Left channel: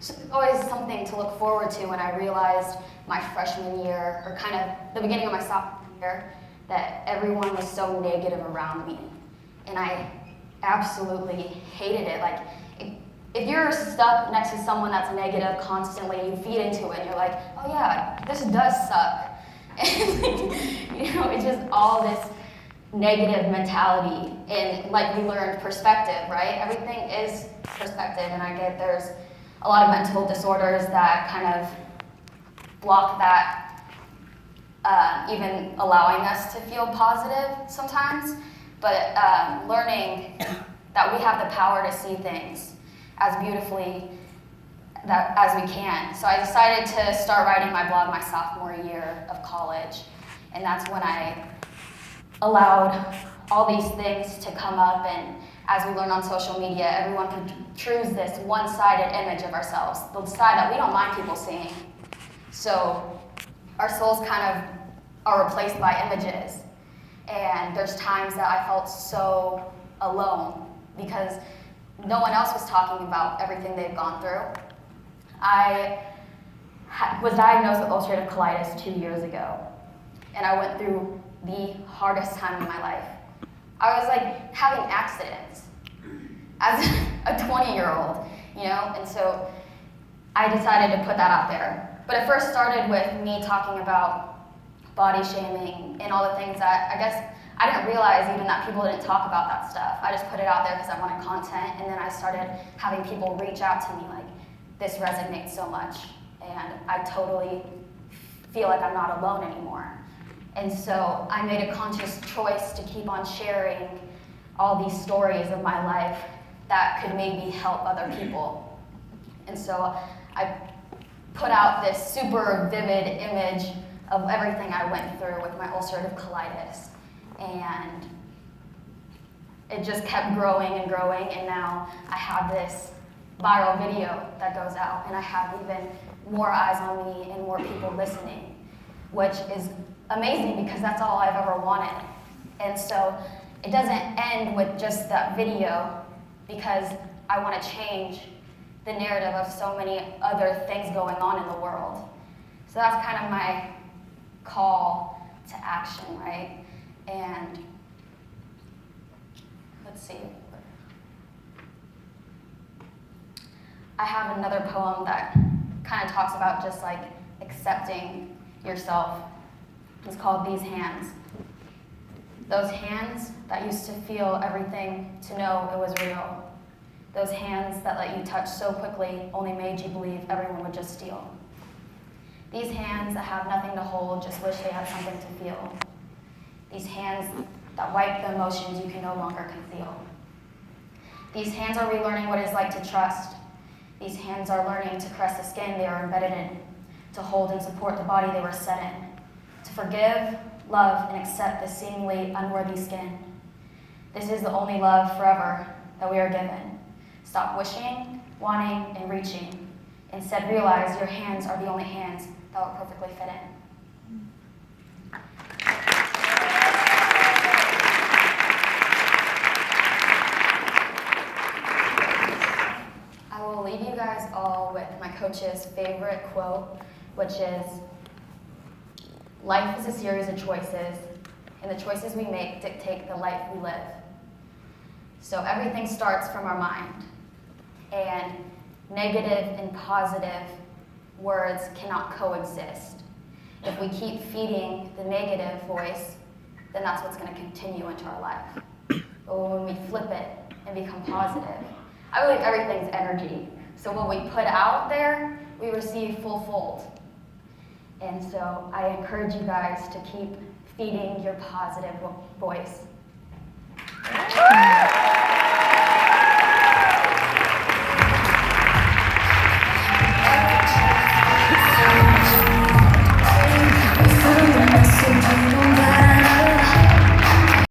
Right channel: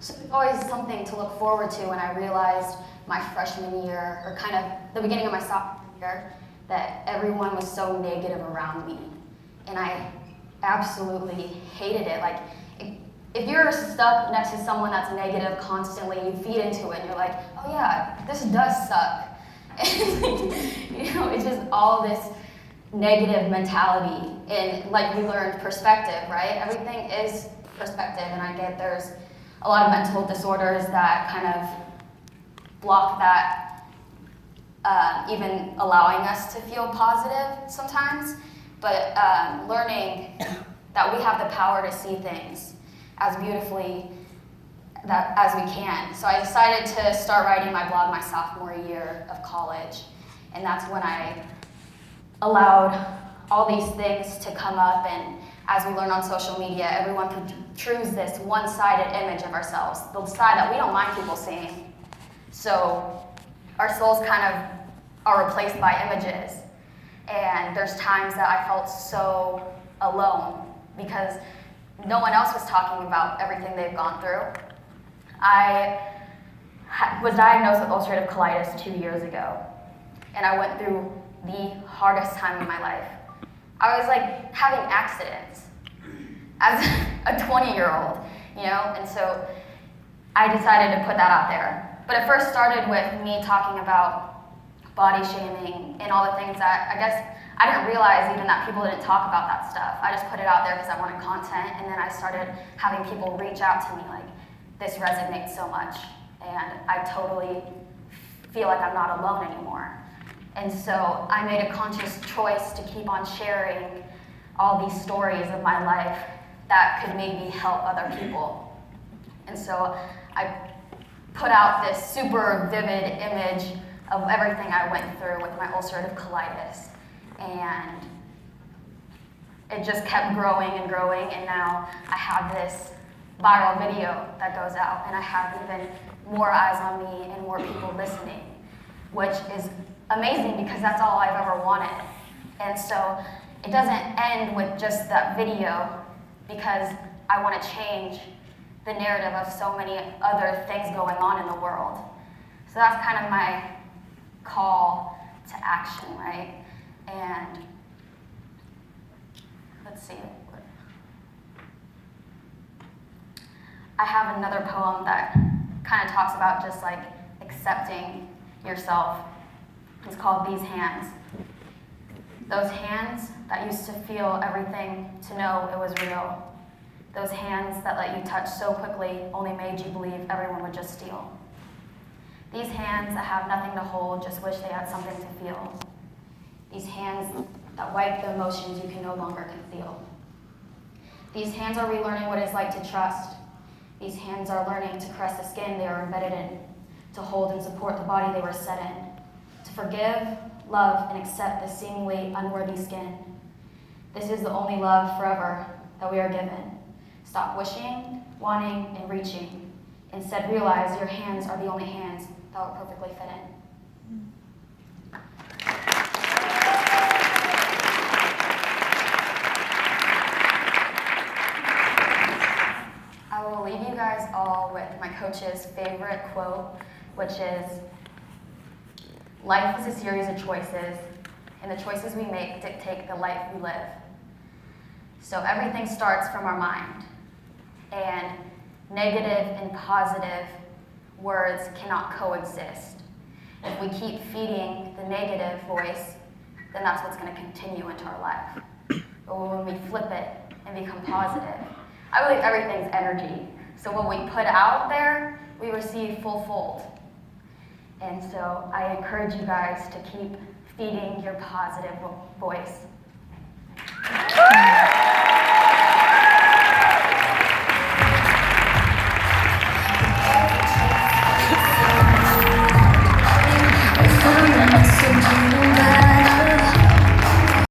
So it's always something to look forward to when I realized my freshman year, or kind of the beginning of my sophomore year, that everyone was so negative around me. And I absolutely hated it. Like, if you're stuck next to someone that's negative constantly, you feed into it, and you're like, oh yeah, this does suck. And, it's just all this negative mentality. And like we learned, perspective, right? Everything is perspective, and I get there's a lot of mental disorders that kind of block that, even allowing us to feel positive sometimes. But learning that we have the power to see things as beautifully as we can. So I decided to start writing my blog my sophomore year of college, and that's when I allowed all these things to come up. And as we learn on social media, everyone can choose this one-sided image of ourselves, the side that we don't mind people seeing. So our souls kind of are replaced by images. And there's times that I felt so alone because no one else was talking about everything they've gone through. I was diagnosed with ulcerative colitis 2 years ago, and I went through the hardest time in my life. I was like having accidents as a 20-year-old, and so I decided to put that out there. But it first started with me talking about body shaming and all the things that I guess I didn't realize even that people didn't talk about that stuff. I just put it out there because I wanted content, and then I started having people reach out to me like, this resonates so much, and I totally feel like I'm not alone anymore. And so I made a conscious choice to keep on sharing all these stories of my life that could maybe help other people. And so I put out this super vivid image of everything I went through with my ulcerative colitis. And it just kept growing and growing, and now I have this viral video that goes out, and I have even more eyes on me and more people listening, which is amazing because that's all I've ever wanted. And so it doesn't end with just that video, because I want to change the narrative of so many other things going on in the world. So that's kind of my call to action, right? And let's see. I have another poem that kind of talks about just like accepting yourself. It's called These Hands. Those hands that used to feel everything to know it was real. Those hands that let you touch so quickly only made you believe everyone would just steal. These hands that have nothing to hold just wish they had something to feel. These hands that wipe the emotions you can no longer conceal. These hands are relearning what it's like to trust. These hands are learning to caress the skin they are embedded in, to hold and support the body they were set in, to forgive, love, and accept the seemingly unworthy skin. This is the only love forever that we are given. Stop wishing, wanting, and reaching. Instead, realize your hands are the only hands that will perfectly fit in. I will leave you guys all with my coach's favorite quote, which is, life is a series of choices, and the choices we make dictate the life we live. So everything starts from our mind, and negative and positive words cannot coexist. If we keep feeding the negative voice, then that's what's going to continue into our life. But when we flip it and become positive, I believe everything's energy. So when we put out there, we receive full-fold. And so I encourage you guys to keep feeding your positive voice.